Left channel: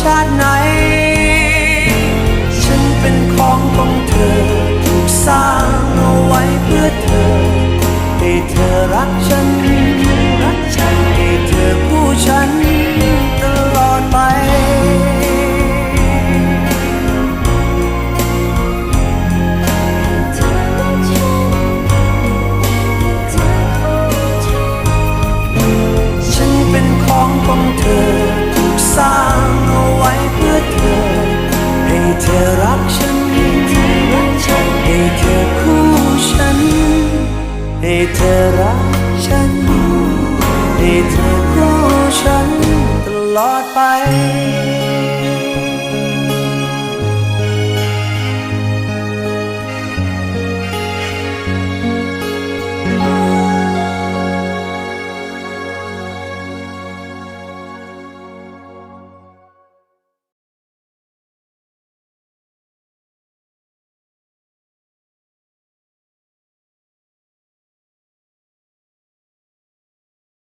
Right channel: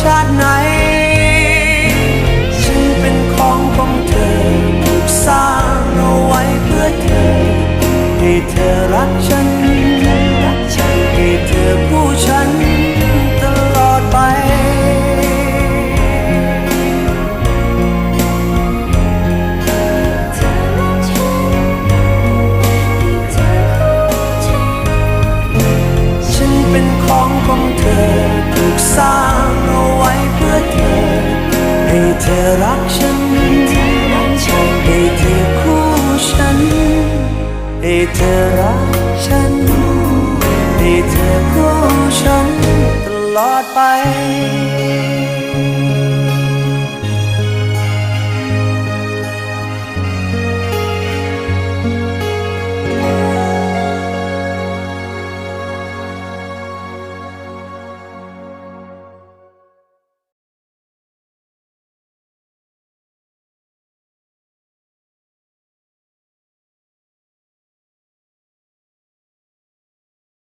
ชาติไหนฉันเป็นของเธอถูกสร้างเอาไว้เพื่อเธอให้เธอรักฉันให้เธอคู่ฉันตลอดไปฉันเป็นของเธอถูกสร้างเอาไว้เพื่อเธอให้เธอรักฉันให้เธอคู่ฉันให้เธอรักฉันให้เธอคู่ฉันตลอดไป